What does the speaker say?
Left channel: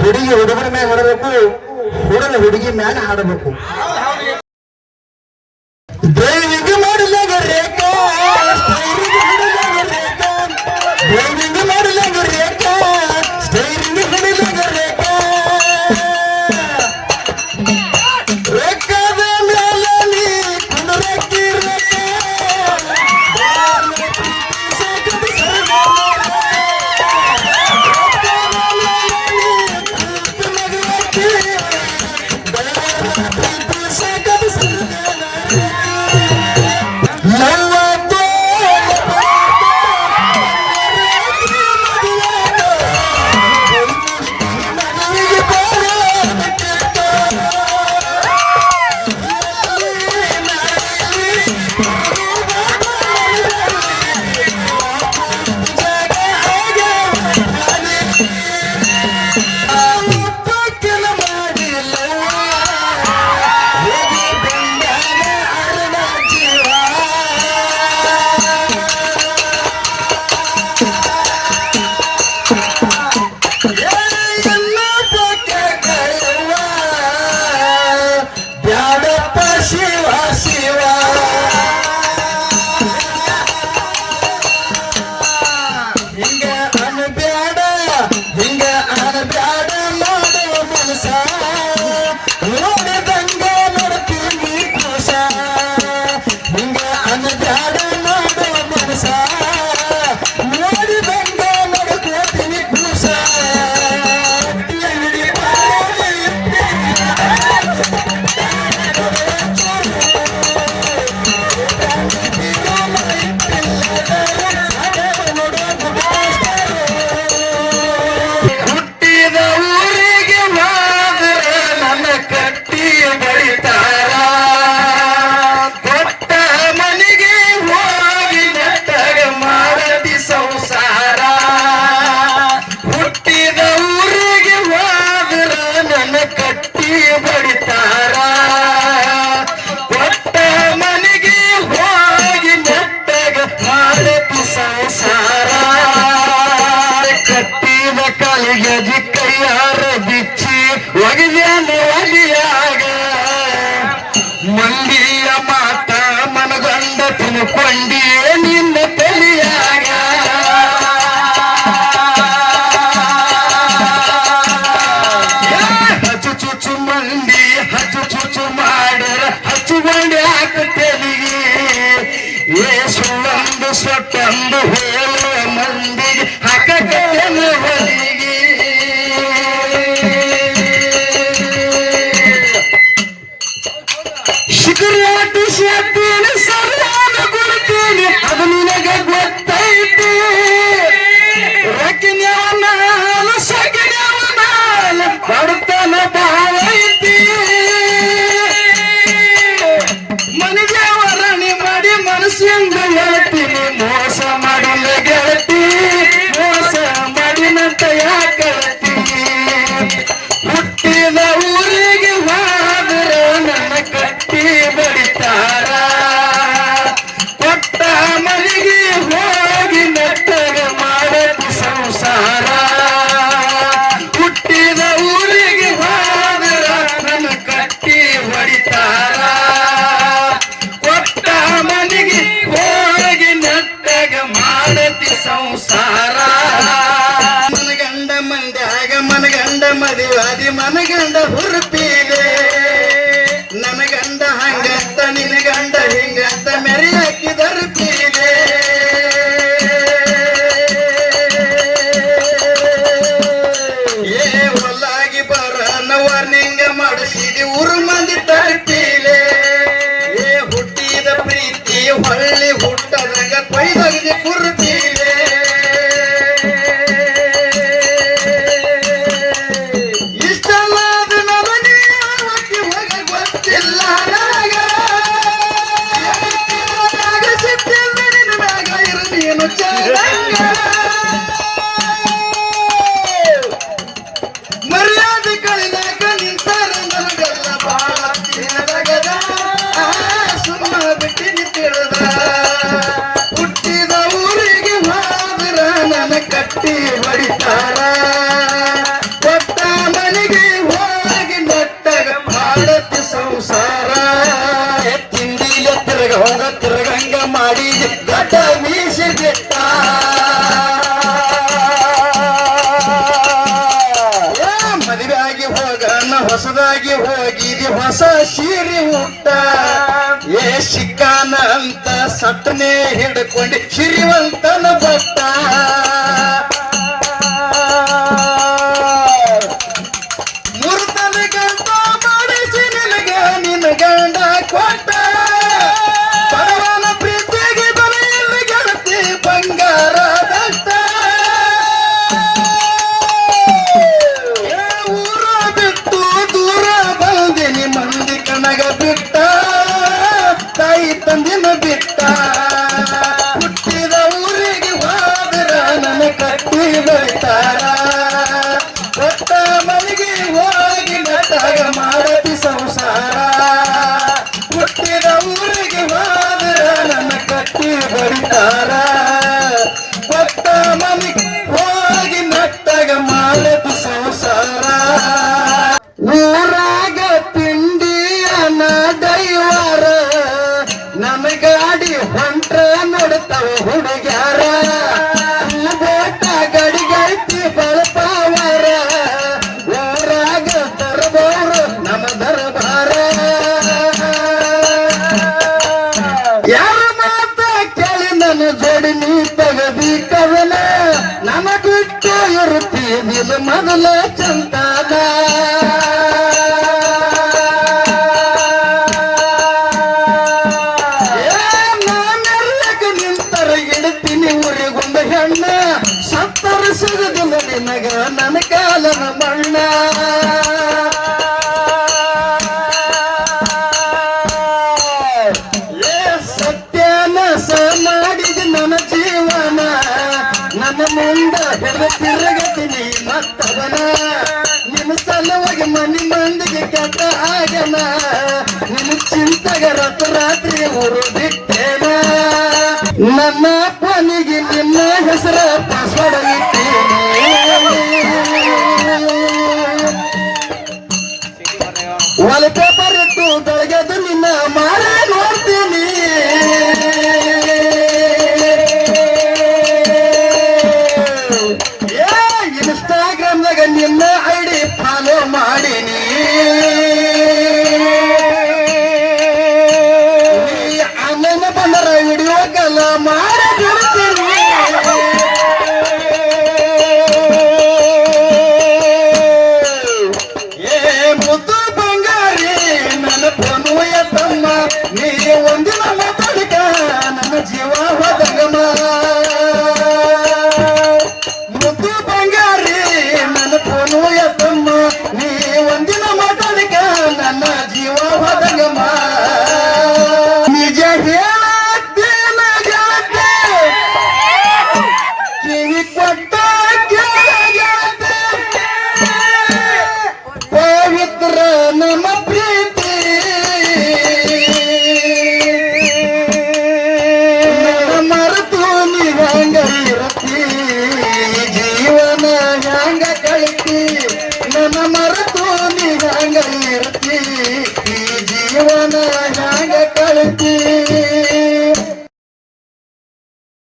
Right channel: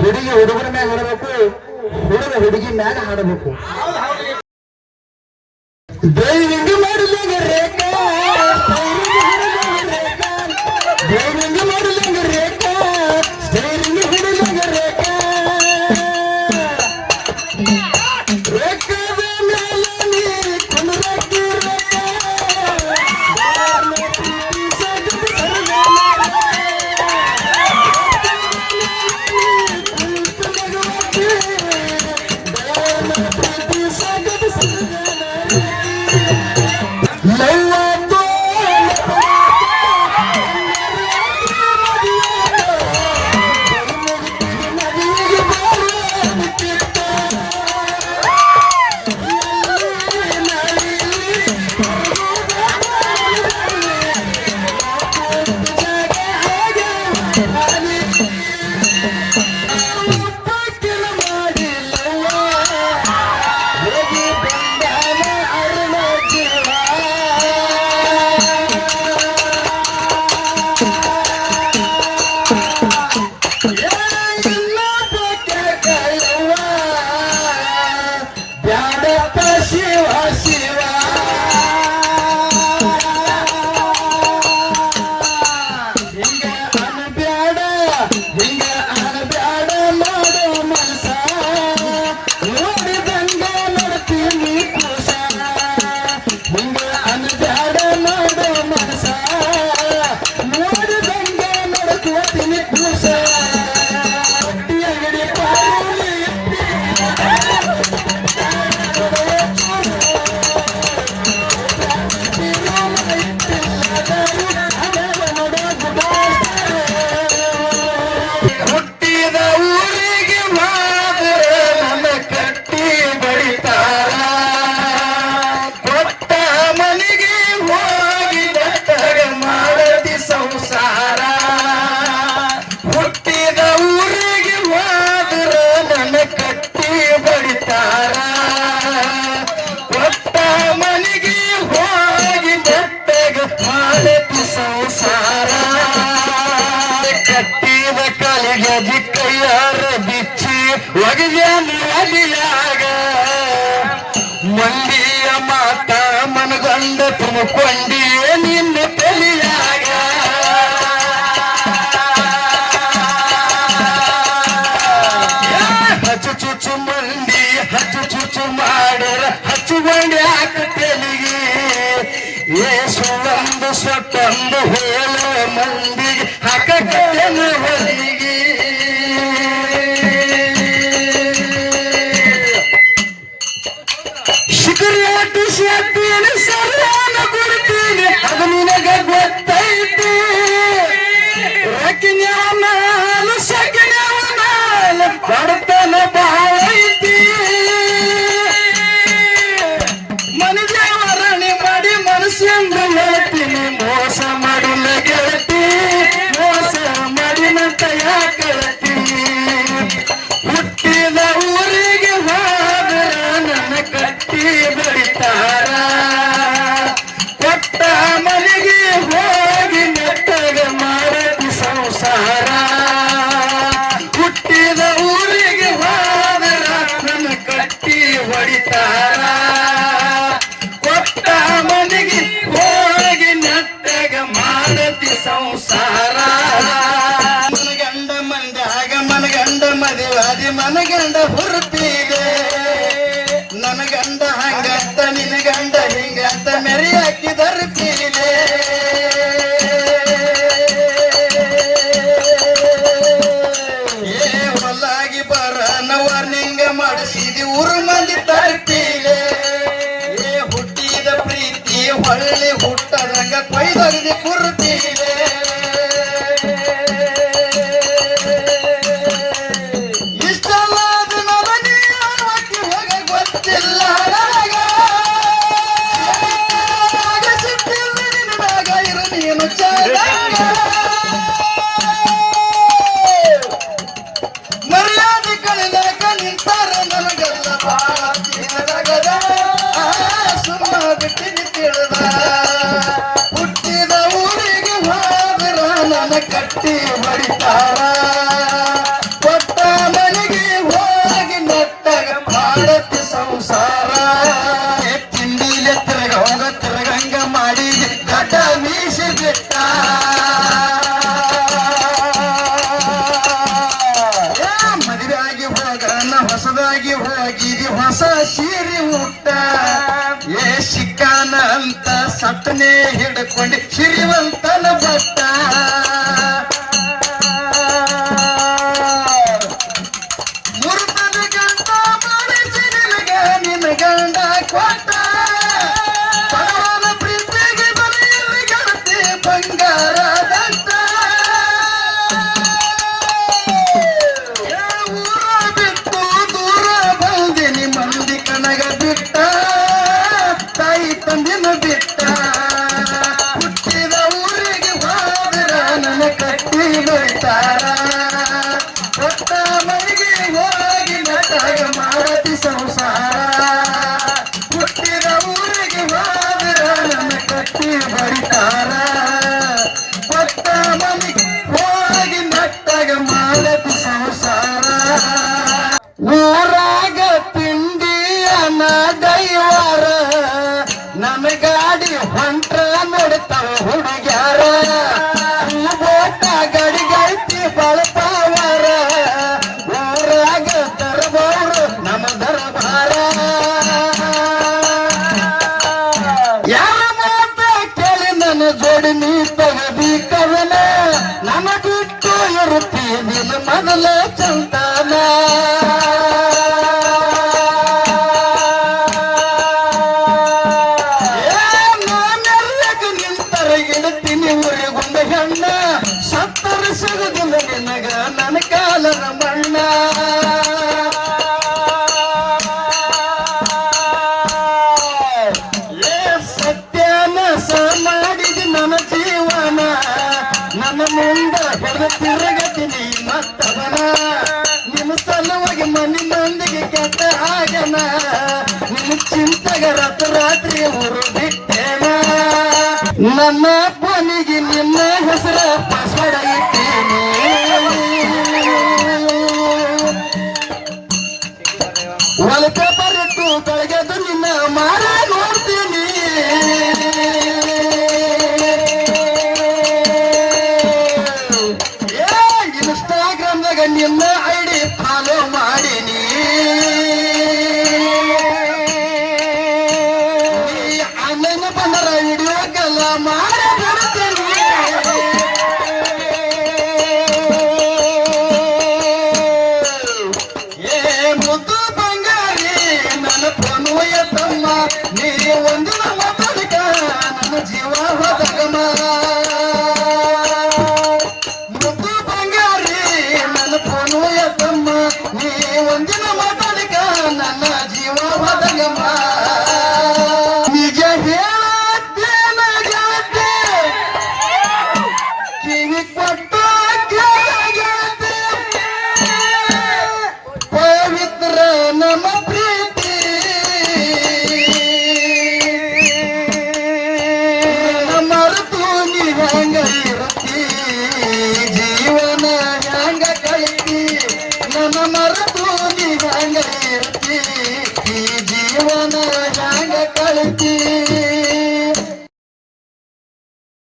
ಹುಡುಗಿ ಹುಡುಗರ ಮ್ಯಾಗ ಹಾಡಬೇಕು ಹುಡುಗ ಹುಡುಗಿ ಮ್ಯಾಗ ಹಾಡಬೇಕು. ದೇವಿ can't ಬಡಿತಾರ ಒಟ್ಟ ನನಗೆ ಹೋಗಿ ಮೊಟ್ಟಗ ಮಾಡತ ಸಂಸಾರ ಕಟ್ಟಿದ ಕಲಿಗದಿ ಕೈಯಾರ ಬಿಚ್ಚಿ ಒಗೆಯನು ಒಲಿಯಾಗ ಮಂದಿಯ ಮಾತ ಮನಗಂಡ ತುಂಬಿಕೊಂಡಿ ನಿನ್ನ ವಿಷ ತಂದು ಹೇಳ ಮಂದಿಗೆ ಹಾಕಲು ಬದಿಗೆ ಶಿಬಿರಾಟು ಶೇತೀನಿ ಸರಿಯಾದ ಅದು ನಿನಗೆ ಗೊತ್ತೈತಿ. ರಕಿನ್ಯಾಲ ಸಕಿನ್ಯಾಲ ಬಡತನ ಬಹಳ கண்ட பொருள் ಹೋಗಿದಿ ಹೊಸ ಸೀರೆ ಊಟ ಏ ಸಿಕ್ಕಾನ ಅಂತ ಸಟ್ಟನೆ ಹಿಡ್ಕೊಂಡು ಸಿರಿವಂತನ ಭಟ್ಟ ಮುರುತನ ಗಂಟ ಮಾಡಿಸಿ ನಿನಗ, ನಿನ್ನ ಗಂಡ ಕೊಟ್ಟ. ತಾಯಿ ತಂದಿನ ಬಿಟ್ಟ. ಹುಟ್ಟಿದ ಊರಿಗೆ ಹೋದ್ರ ನನ್ನ ಕಟ್ಟಿ ಬೈತಾರ ಕೊಟ್ಟ ಮನೆಗೆ ಹೋಗಿ ನಟಾಗ ಮಾಡತಿ ಸಂಸಾರ. ಹುಟ್ಟಿದ ಊರಿಗೆ ಹೋದ್ರ ನನ್ನ ಕಟ್ಟಿ ಬೈತಾರ. ಹೋಗಿ ನಟ್ಟಾಗ ಮಾಡತಿ ಸಂಸಾರ. ಊರಾಗ ಹುಡುಗ್ಯಾರ ಬೋಟ ಗಡಿಗೈತಿ ಬಳಪಾವರ, ಊರಾಗ ದರ್ಬಾರ ನಮ್ಮ ದರ್ಬಾರ. ಯಾರ ಮಾತ ಕೇಳಿ ನನ್ನ ಜೋಡಿ ನೀ ತಗದಿ ಕವನ ನನ್ನ ಬಿಟ್ಟು ಇರುತ್ತೀನಿಲ್ಲ ಮೊದಲ ಚಂದನ ಸಿಗದಿಲ್ಲ ನಿನಗ ನನ್ನ ಕಾಲನ ಬಣ್ಣ. ಸತ್ಯನ ಸ ಮಾಡಿದ ನನ್ನ ಜೀವನ, ನನ್ನ ಮುಂದ ಹಿಡಿದ ತಿರುಗತೀನಿ ಮತ್ತವನ ನಿನ್ನ ಸಲುವಾಗಿ ಮನಿ ಮಂದಿಗೆ ಕೆಟ್ಟ ಆಗನ ನಿನ್ನ ಚಿಂತೆಗೆ ರಾತ್ರಿ ಊರು ಬಿಟ್ಟೇನ ನನ್ನ ಕೊನೆಗೆ ನಿಮ್ಮ ಹೆಸರ ¡Vale, ತಮ್ಮ ನೀ